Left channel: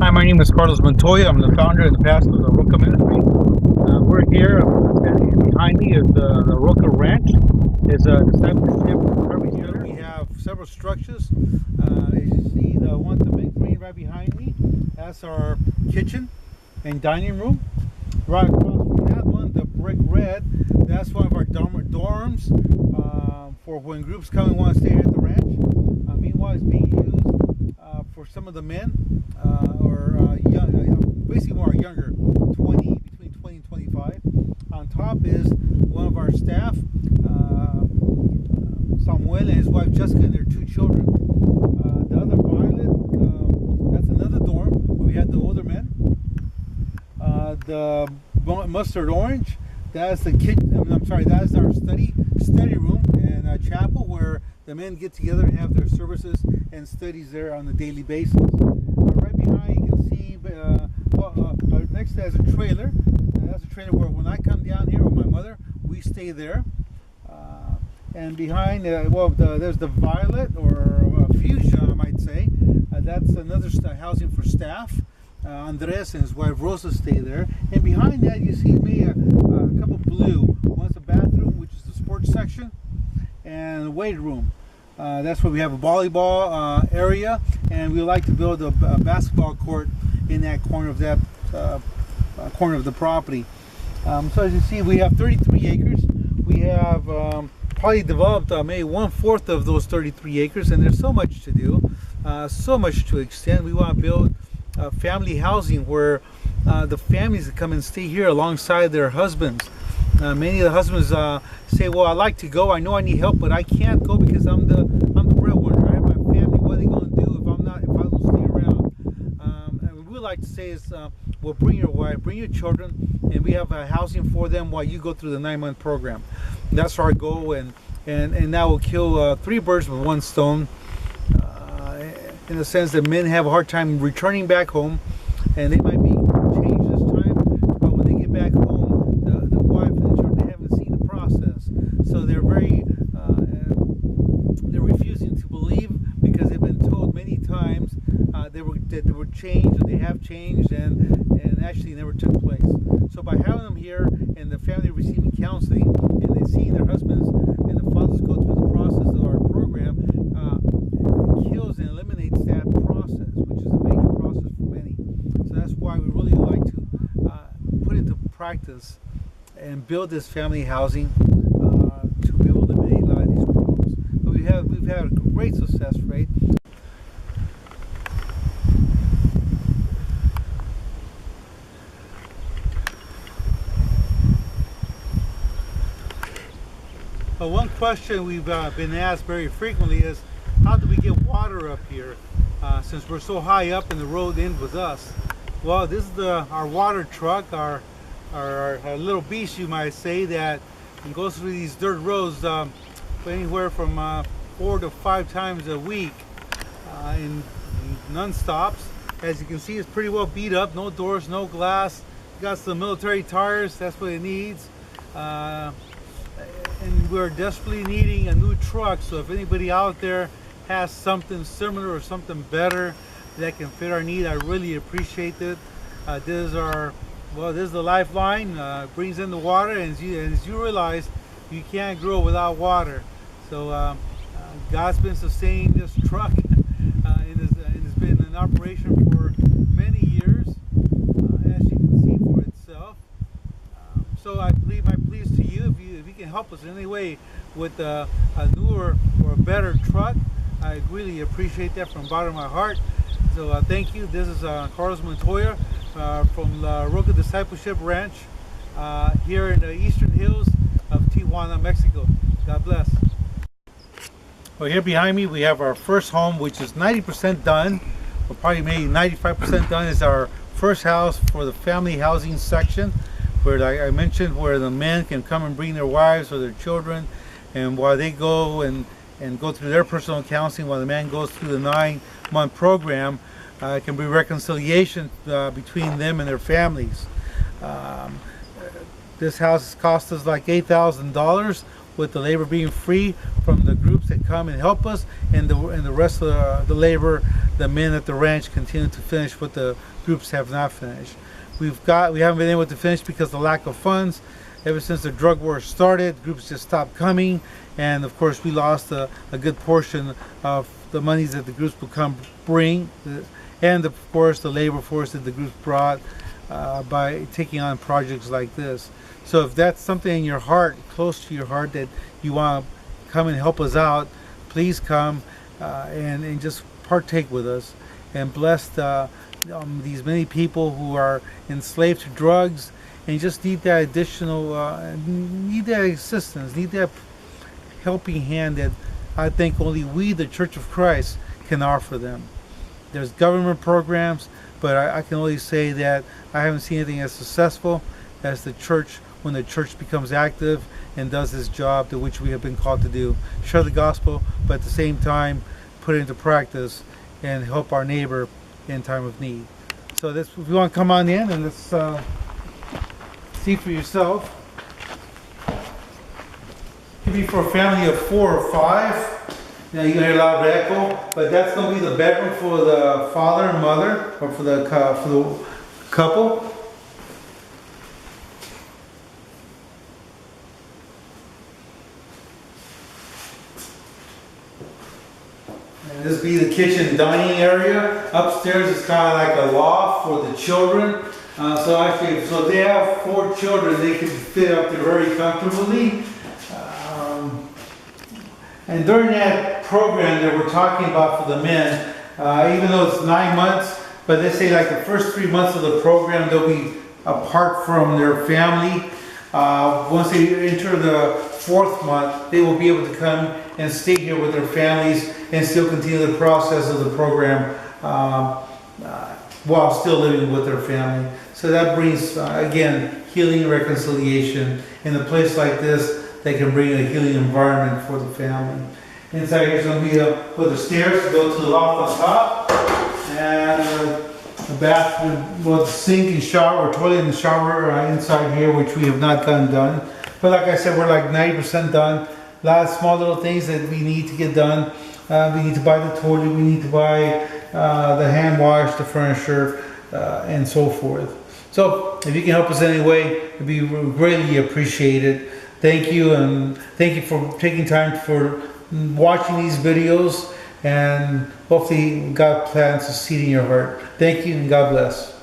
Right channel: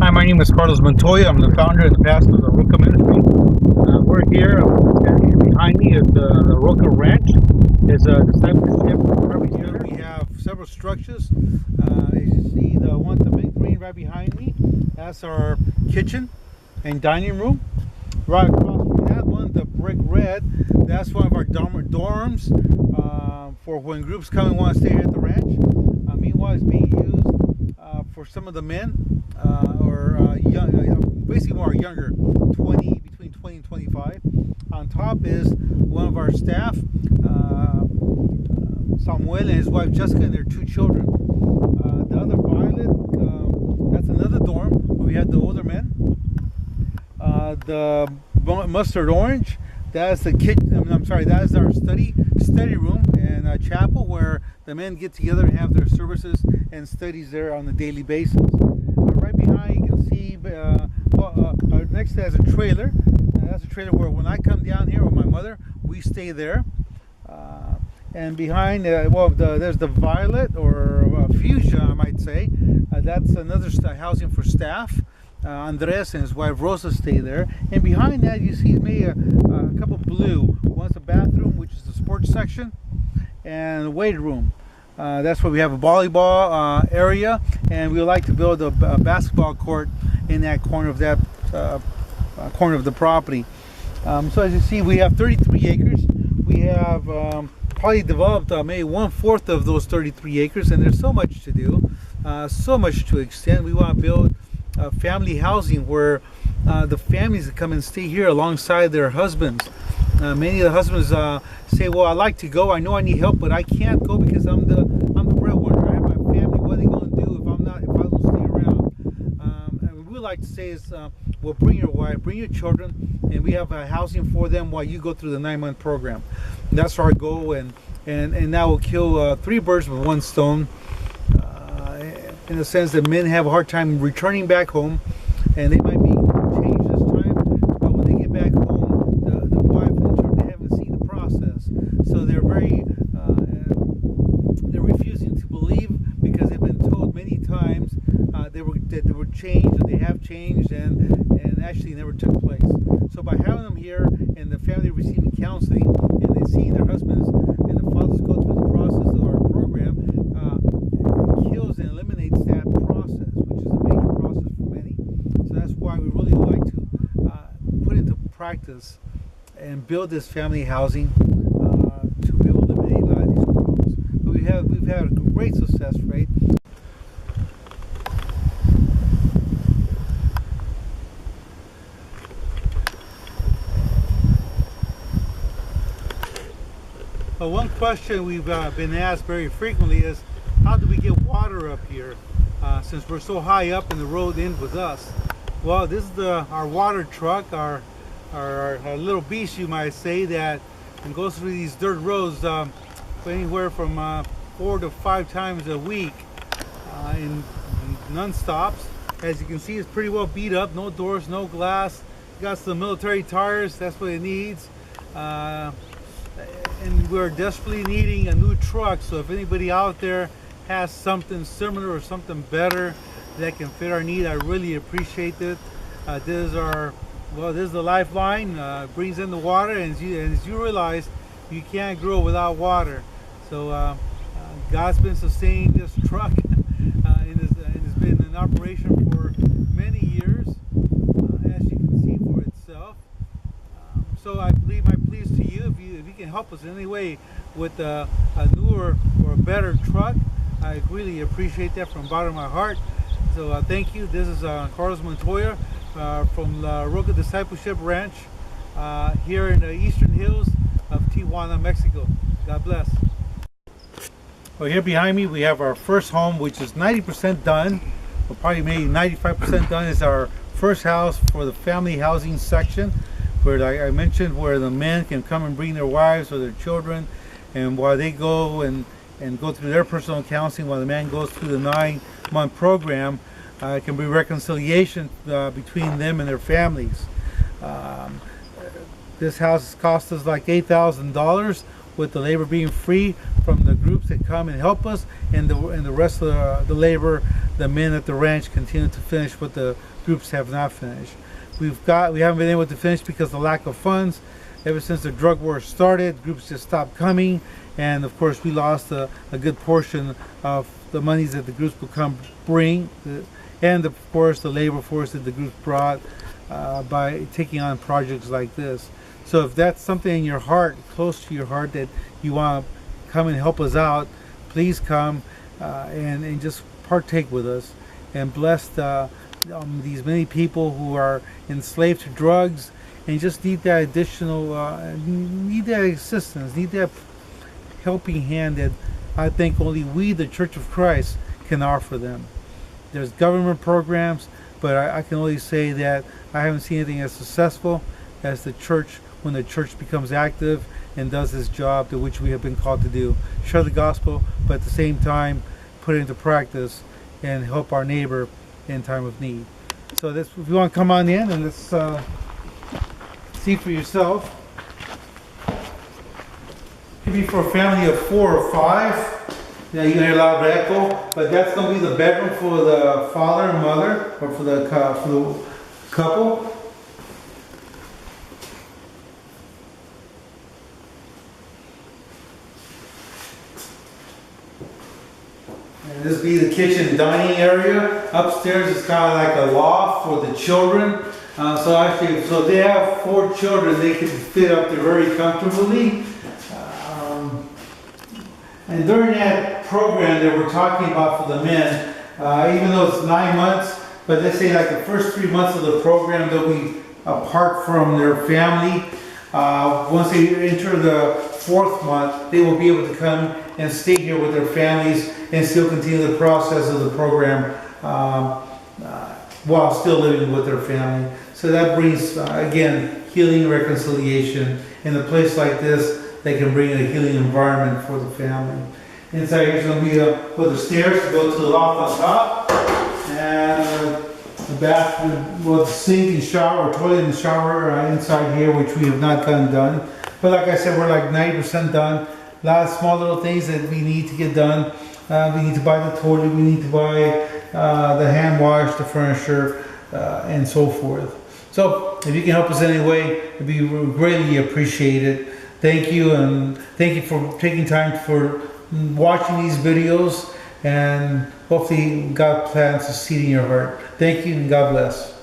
Hi, my name is Carlos Montoya. I'm the founder and the pastor of the Roca Ministry. We're here. Standing here behind me is the Roca Ranch. It's a discipleship recovery center. We have several structures. As you see, the one, the big green right behind me, that's our kitchen and dining room. Right across from that one, the brick red, that's one of our dorms for when groups come and want to stay here at the ranch. Meanwhile, it's being used for some of the men or young, basically more younger, between 20 and 25. On top is one of our staff, Samuel and his wife Jessica and their two children. The other violet, that's another dorm where we had the older men. The mustard orange, that's the kitchen. I'm sorry, that is our study room and a chapel where the men get together and have their services and studies there on a daily basis. Right behind, you can see next to that is a trailer. That's a trailer where when I come down here or my mother, we stay there. And behind, there's the violet or fuchsia, I might say. That's another housing for staff. Andres and his wife Rosa stay there, and behind that you see maybe a couple blue. One's a bathroom, which is the sports section, and a weight room. That's where we have a volleyball area, and we would like to build a basketball court in that corner of the property. So as you see, we have 33 acres. We have probably developed maybe 1/4 of those 33 acres, and there's so much to do, so much to extend. We want to build family housing where the families that come and stay here alongside their husbands. Many of the husbands say, "Well, I like to go. I know I need help, but I can't go because I'm the breadwinner. I have my family. What are they going to do if I don't stay around?" And what we like to say is, "Well, bring your wife, bring your children, and we have housing for them while you go through the 9-month program." That's our goal, and that will kill 3 birds with 1 stone. In the sense that men have a hard time returning back home, and they might be changed this time, but when they get back home, the wife and the children, they haven't seen the process, so they're refusing to believe because they've been told many times that they would change, or they have changed, and actually never took place. So by having them here and the family receiving counseling and they seeing their husbands and the fathers go through the process of our program, kills and eliminates that process, which is a major process for many. So that's why we really like to put into practice and build this family housing to be able to eliminate a lot of these problems. But we've had a great success rate. One question we've been asked very frequently is, how do we get water up here since we're so high up and the road ends with us? Well, this is our water truck, our little beast, you might say, that goes through these dirt roads anywhere from 4 to 5 times a week in non-stops. As you can see, it's pretty well beat up, no doors, no glass. Got some military tires, that's what it needs. And we're desperately needing a new truck, so if anybody out there has something similar or something better that can fit our need, I really appreciate it. This is the lifeline. Brings in the water, and as you realize, you can't grow without water. So God's been sustaining this truck, and it's been in operation for many years, as you can see for itself. So my plea is to you, if you can help us in any way with a newer or a better truck, I really appreciate that from the bottom of my heart. So thank you. This is Carlos Montoya from the Roca Discipleship Ranch here in the eastern hills of Tijuana, Mexico. God bless. Well, here behind me we have our first home, which is 90% done. Well, probably maybe 95% done. Is our first house for the family housing section, where, like I mentioned, where the men can come and bring their wives or their children, and while they go and go through their personal counseling, while the man goes through the 9-month program, it can be reconciliation between them and their families. This house cost us like $8,000, with the labor being free from the groups that come and help us, and the rest of the labor the men at the ranch continue to finish what the groups have not finished. We haven't been able to finish because of the lack of funds. Ever since the drug war started, groups just stopped coming, and of course we lost a good portion of the monies that the groups bring, and of course the labor force that the groups brought by taking on projects like this. So if that's something in your heart, close to your heart, that you want to come and help us out, please come and just partake with us and bless these many people who are enslaved to drugs and just need that additional, need that assistance, need that helping hand that I think only we, the Church of Christ, can offer them. There's government programs, but I can only say that I haven't seen anything as successful as the church when the church becomes active and does this job to which we have been called to do. Share the gospel, but at the same time, put it into practice and help our neighbor in time of need. So if you want to come on in and let's see for yourself. Could be for a family of 4 or 5. You know, you can hear a lot of echo, but that's going to be the bedroom for the father and mother, or for the couple. And this will be the kitchen dining area. Upstairs is kind of like a loft for the children. So they have 4 children. They can fit up there very comfortably. And during that program that we're talking about for the men, even though it's 9 months, but they say like the first 3 months of the program, they'll be apart from their family. Once they enter the 4th month, they will be able to come and stay here with their families and still continue the process of the program while still living with their family. So that brings, again, healing and reconciliation. In a place like this, they can bring a healing environment for the family. Inside here is going to be the stairs to go to the loft on top, and the bathroom, well, the sink and shower, or toilet and shower inside here, which we have not gotten done. But like I said, we're like 90% done. A lot of small little things that we need to get done. We need to buy the toilet, we need to buy the hand wash, the furniture, and so forth. So if you can help us in any way, it'd be greatly appreciated. Thank you, and thank you for taking time for watching these videos, and hopefully God plants a seed in your heart. Thank you, and God bless.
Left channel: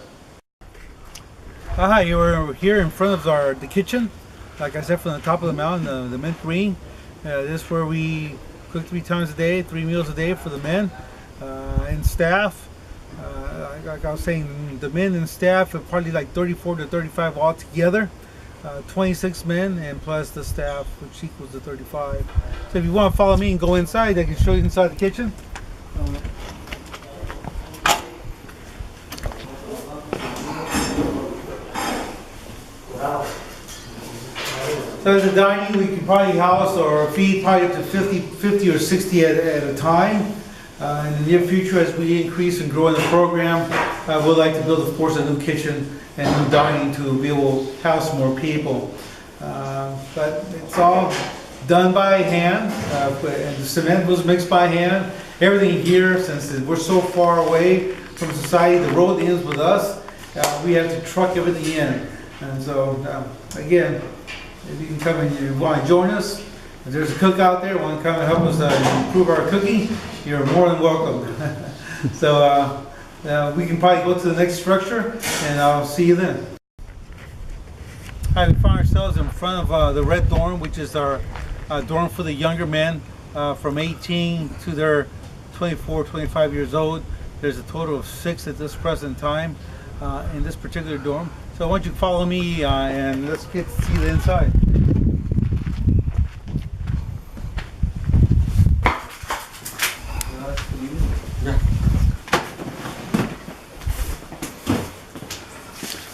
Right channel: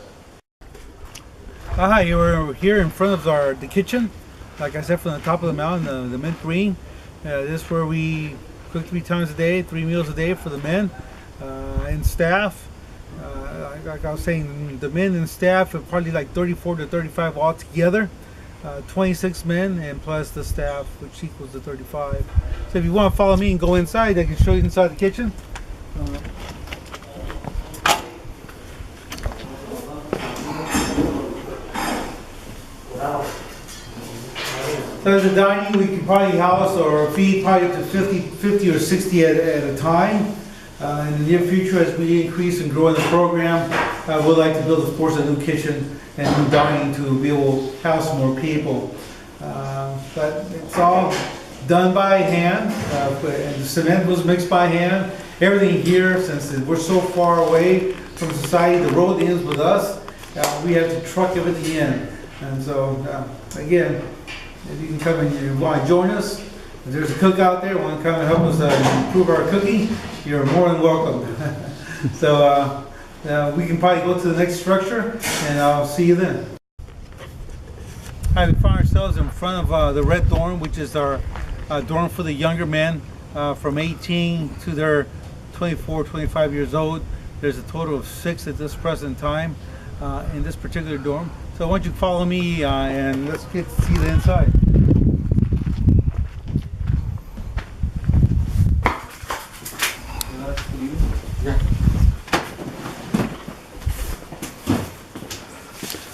Hi, you're here in front of the kitchen. Like I said, from the top of the mountain, the mint green. This is where we cook 3 times a day, 3 meals a day for the men and staff. Like I was saying, the men and staff are probably like 34 to 35 altogether. 26 men and plus the staff, which equals the 35. So if you want to follow me and go inside, I can show you inside the kitchen. So the dining, we can probably house or feed probably up to 50 or 60 at a time. In the near future, as we increase and grow in the program, we'd like to build, of course, a new kitchen and new dining to be able to house more people. But it's all done by hand, and the cement was mixed by hand. Everything here, since we're so far away from society, the road ends with us, we have to truck everything in. And so, again, if you can come and you want to join us, if there's a cook out there want to come and help us improve our cooking, you're more than welcome. So we can probably go to the next structure, and I'll see you then. Hi, we find ourselves in front of the red dorm, which is our dorm for the younger men from 18 to their 24, 25 years old. There's a total of 6 at this present time in this particular dorm. So why don't you follow me and let's get to see the inside. Yeah.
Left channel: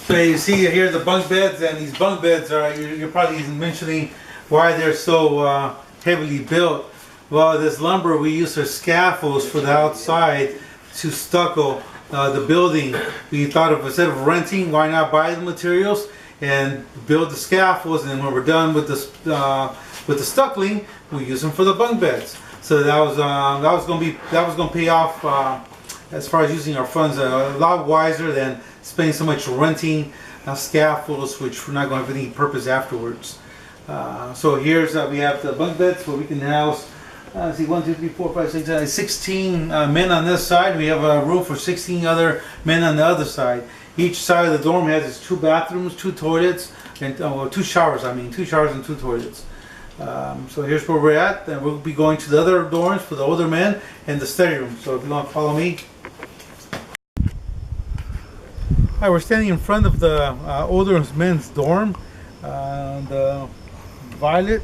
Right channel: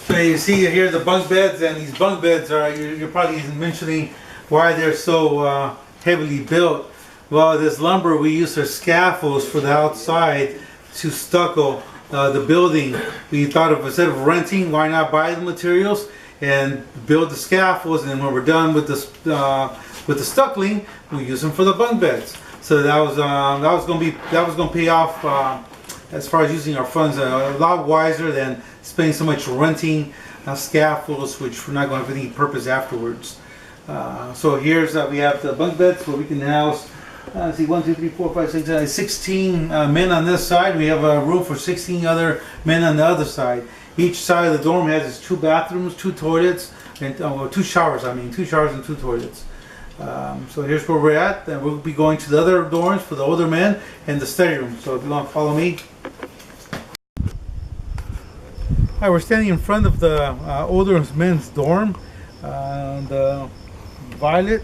So you see here the bunk beds, and these bunk beds are, you're probably mentioning why they're so heavily built. Well, this lumber we use for scaffolds for the outside to stucco the building. We thought of, instead of renting, why not buy the materials and build the scaffolds, and when we're done with the stuccoing, we use them for the bunk beds. So that was going to pay off as far as using our funds, a lot wiser than spending so much renting scaffolds, which we're not going to have any purpose afterwards. So here's we have the bunk beds where we can house. See, 1, 2, 3, 4, 5, 6, 16 men on this side. We have a room for 16 other men on the other side. Each side of the dorm has its 2 bathrooms, 2 toilets, and 2 showers. 2 showers and 2 toilets. So here's where we're at, and we'll be going to the other dorms for the older men and the study room. So if you want to follow me. All right, we're standing in front of the older men's dorm, the violet.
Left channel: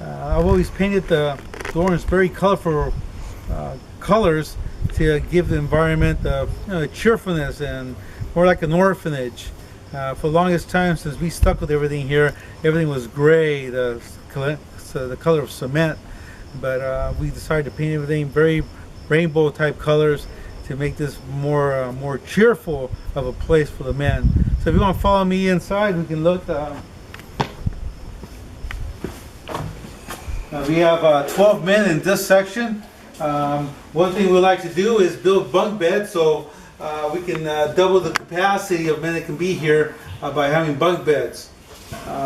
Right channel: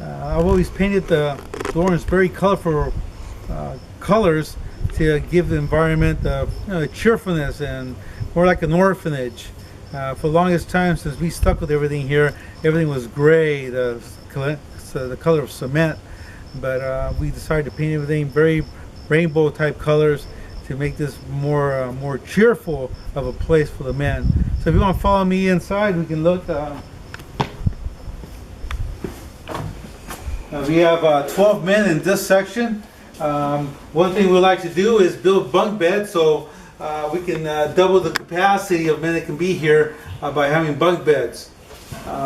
I've always painted the dorms very colorful colors to give the environment cheerfulness and more like an orphanage. For the longest time since we stuck with everything here, everything was gray, the color of cement. But we decided to paint everything very rainbow type colors to make this more cheerful of a place for the men. So if you want to follow me inside, we can look. We have 12 men in this section. One thing we like to do is build bunk beds so we can double the capacity of men that can be here by having bunk beds.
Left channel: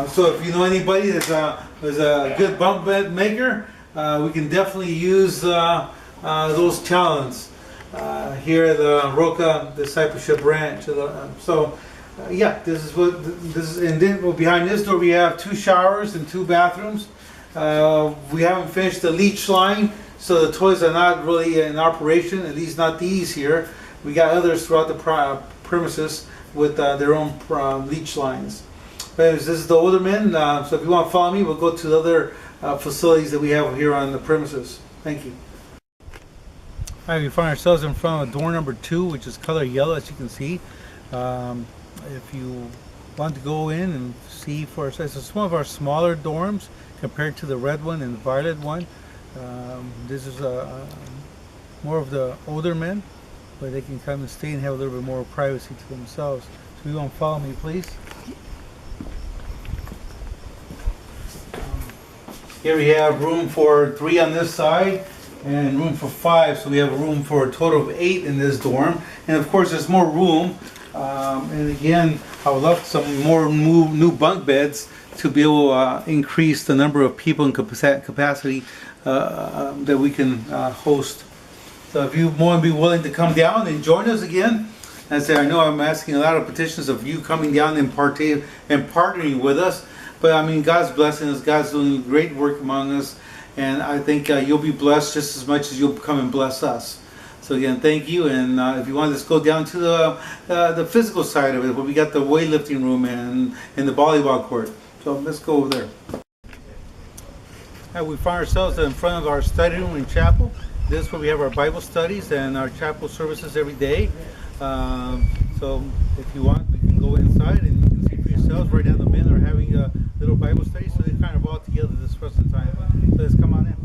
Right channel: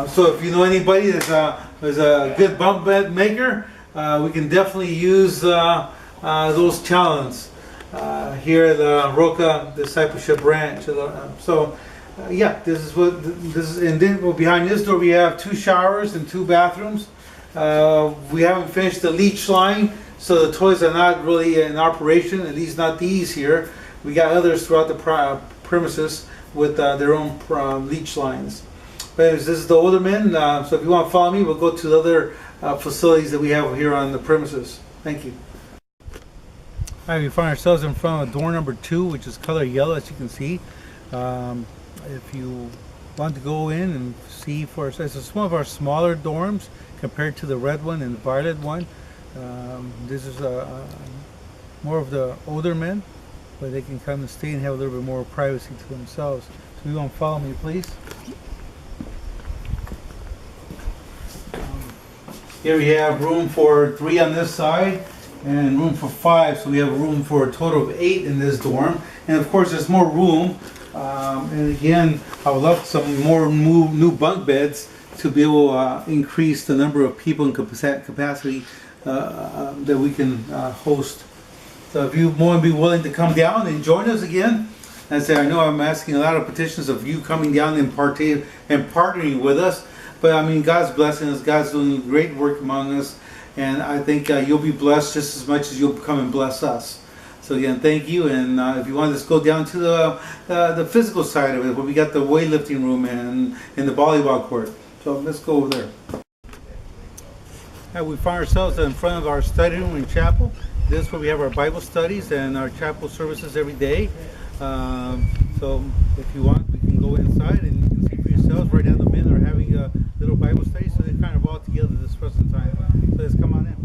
So if you know anybody that's a good bunk bed maker, we can definitely use those talents here at the Roca Discipleship Ranch. Yeah, this is, and then behind this door we have 2 showers and 2 bathrooms. We haven't finished the leach line, so the toilets are not really in operation, at least not these here. We got others throughout the premises with their own leach lines. But anyways, this is the older men, so if you want to follow me, we'll go to the other facilities that we have here on the premises. Thank you. All right, we find ourselves in front of door number 2, which is color yellow, as you can see. If you want to go in and see for ourselves, it's one of our smaller dorms compared to the red one and the violet one. This is more of the older men, where they can come and stay and have a little bit more privacy to themselves. So you want to follow me, please. Here we have room for 3 on this side and room for 5, so we have room for a total of 8 in this dorm. And of course there's more room, and again I would love some more new bunk beds to be able to increase the number of people and capacity that we can host. So if you want to be willing to come down and join us again, I know I'm asking a lot of petitions of you coming down and partnering with us, but I mean, God's blessing us, God's doing great work among us, and I think you'll be blessed just as much as you'll come and bless us. So again, thank you, and if you want to just go down to the physical side of it, where we got the weightlifting room and the volleyball court. So let's go over there. We find ourselves in front of our study room and chapel. This is where we have our Bible studies and our chapel services every day. So if you want, we can go inside and you can see for yourselves. Right now the men are having a little Bible study, so they're kind of all together this present time. So let's come on in.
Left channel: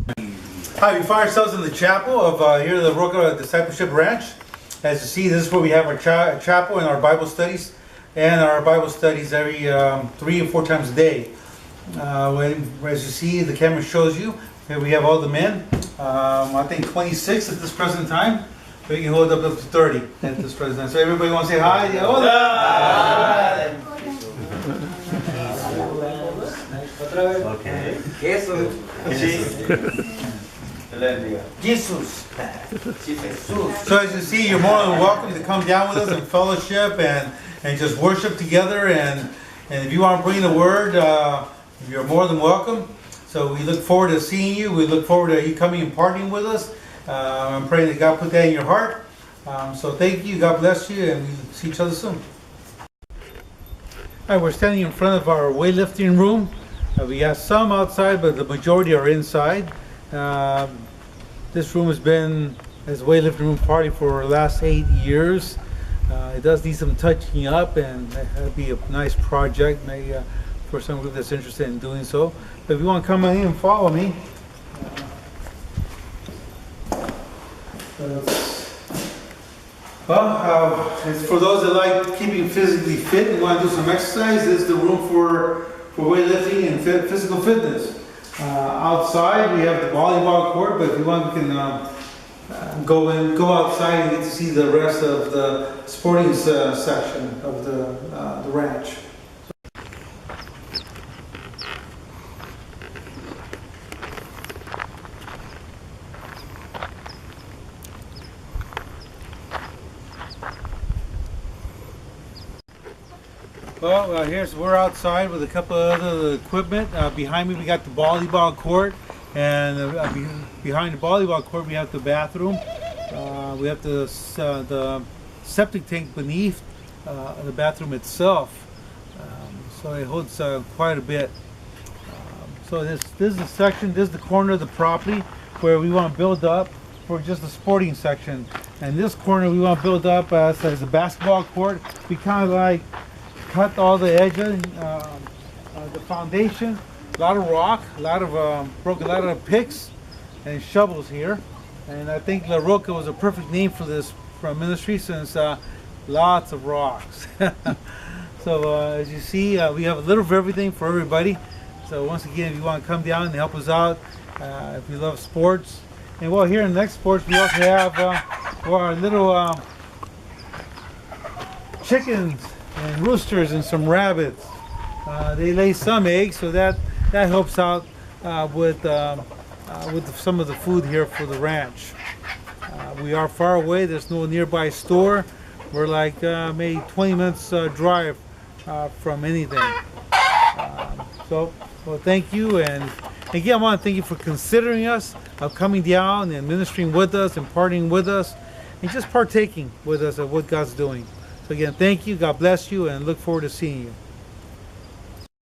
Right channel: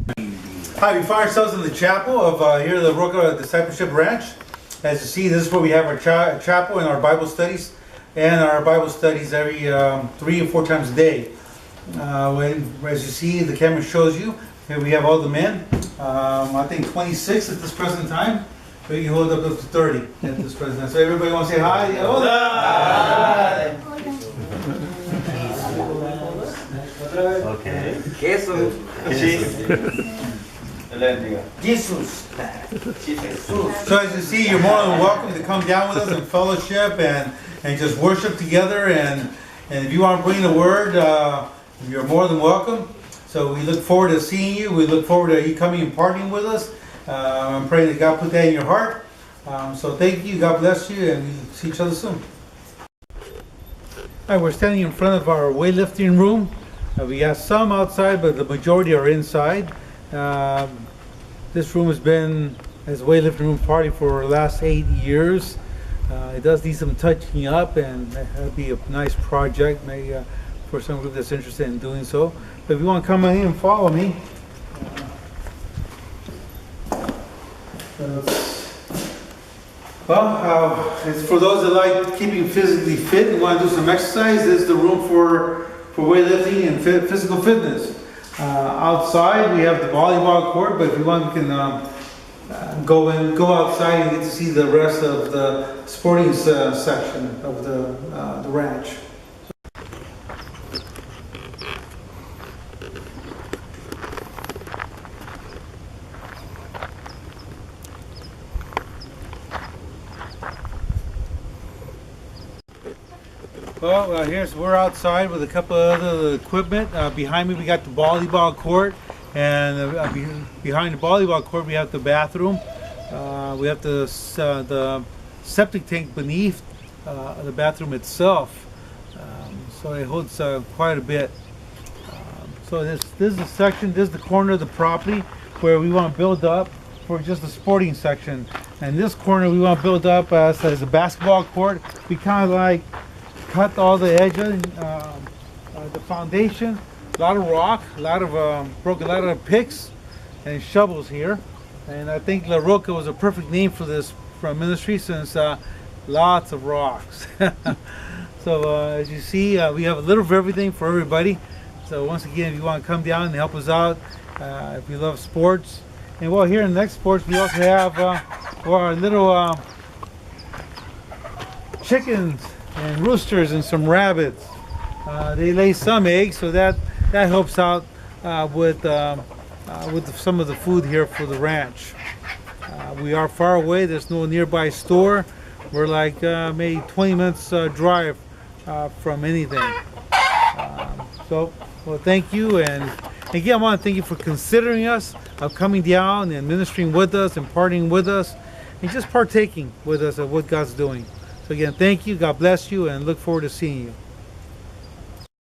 Hi, we find ourselves in the chapel of here at the Roca Discipleship Ranch. As you see, this is where we have our chapel and our Bible studies. And our Bible studies every 3 or 4 times a day. As you see, the camera shows you. Here we have all the men. I think 26 at this present time. But you can hold up to 30 at this present time. So everybody want to say hi? Hola! Okay. Jesus. So as you see, you're more than welcome to come down with us and fellowship and just worship together. And if you want to bring the word, you're more than welcome. So we look forward to seeing you. We look forward to you coming and partying with us. I'm praying that God put that in your heart. So thank you. God bless you. And we'll see each other soon. All right, we're standing in front of our weightlifting room. We got some outside, but the majority are inside. This room has been as a weightlifting room party for the last 8 years. It does need some touching up, and that'd be a nice project maybe for some group that's interested in doing so. But if you want to come in and follow me. It's for those that like keeping physically fit and want to do some exercise. This is the room for weightlifting and physical fitness. Outside we have the volleyball court, but if you want, we can go outside and get to see the rest of the sporting section of the ranch. Well, we're outside with a couple of other equipment. Behind me we got the volleyball court, and behind the volleyball court we have the bathroom. We have the septic tank beneath the bathroom itself, so it holds quite a bit. So this is the section, this is the corner of the property where we want to build up for just the sporting section. And this corner we want to build up as a basketball court. We kind of like cut all the edges, the foundation, a lot of rock, a lot of picks and shovels here. And I think La Roca was a perfect name for this from Ministry, since lots of rocks. So as you see, we have a little of everything for everybody. So once again, if you want to come down and help us out, if you love sports. And well, here in the next sports, we also have our little chickens and roosters and some rabbits. They lay some eggs, so that helps out with some of the food here for the ranch. We are far away. There's no nearby store. We're like maybe 20 minutes drive from anything. Well, thank you, and again, I want to thank you for considering us, of coming down and ministering with us and partying with us, and just partaking with us of what God's doing. So again, thank you, God bless you, and look forward to seeing you.